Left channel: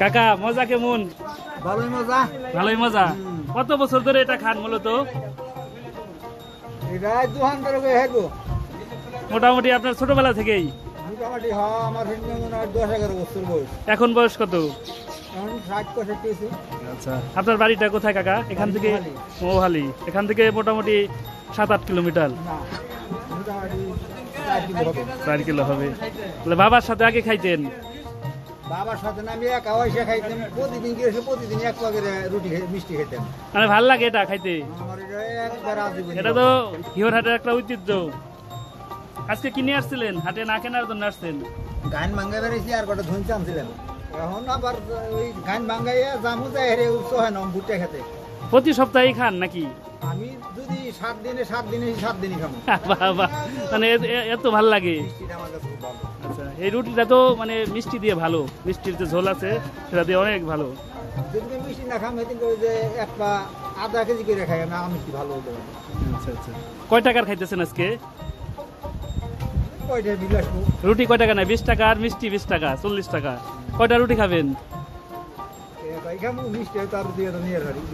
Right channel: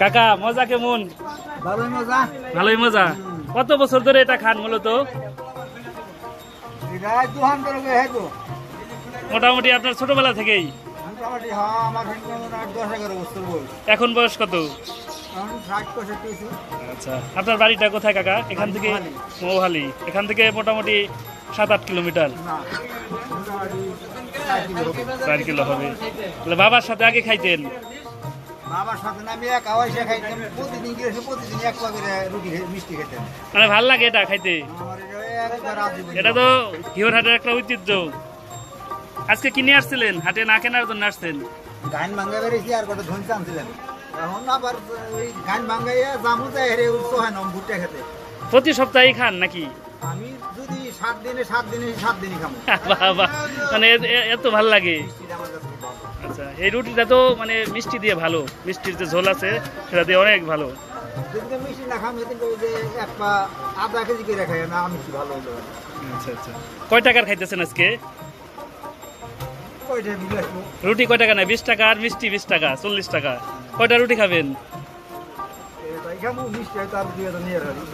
কাকা মজা কেমন? ভালোই মজা। ভালোই মজা। কত বছর ধরে এটা খান মূলত? মোটামুটি আপনার ছোটবেলা থেকেই? মোটামুটি হ্যাঁ, আমার 10-11 বছর বয়স। এখন বয়স কত? এখন 60-65। আচ্ছা, আপনার বাড়িটা কোথায় কাকা? এখান থেকে মৌহালি। এখান থেকে মোটামুটি 7-8 কিলোমিটার। না, মোটামুটি 4 কিলো হবে। 4 কিলো হবে। তাহলে বাবার সাথে আগে খাইতেন? বাবার সাথে না আমি একা বসে খাইতাম, প্রতিদিন গিয়ে প্রতিদিন এক পা করে রুটি মিষ্টি খেতাম। মানে ভাল লাগে এটা খাইতে? আমার একবার আজীবন। এটা তো হিওরহাটের একটা ঐতিহ্য। আজকে কিনে আসছিলেন, হাটে না কেনার জন্য আসছেন? গান ভাঙ্গা বেরিয়েছি আর কটা ধন চানছিলেন, এখন আবার ওই গান ভাঙ্গাইয়া জামু যায় হেরে উৎস হয় না ভুট্টা খেতে। প্রতি সপ্তাহে খান নাকি? আমি যদি 7 দিনই খাবো। বাবা, মানে এত ভাল লাগে? মিষ্টিটা আমার কাছে খুব ভালো। আচ্ছা, এই রুটিটা তো মানে মিষ্টি দিয়ে ভালো, মিষ্টির যে ঝোল আছে সেটা দিয়ে অনেক ভালো। যদি মিষ্টি না খাম এদিন যে এক পা আধা কেজি করে খাই না, আমি কি ভালো হলো। আচ্ছা আচ্ছা, কয় টাকার খাইতেছেন আজকে? ওইটা দিলে আসবো। রুটি কয় টাকা? না 20 টাকা, আর মিষ্টি 20 টাকা, 40 টাকা। কয়টা রুটি খাবেন? মিষ্টি তার দিয়ে নিয়ে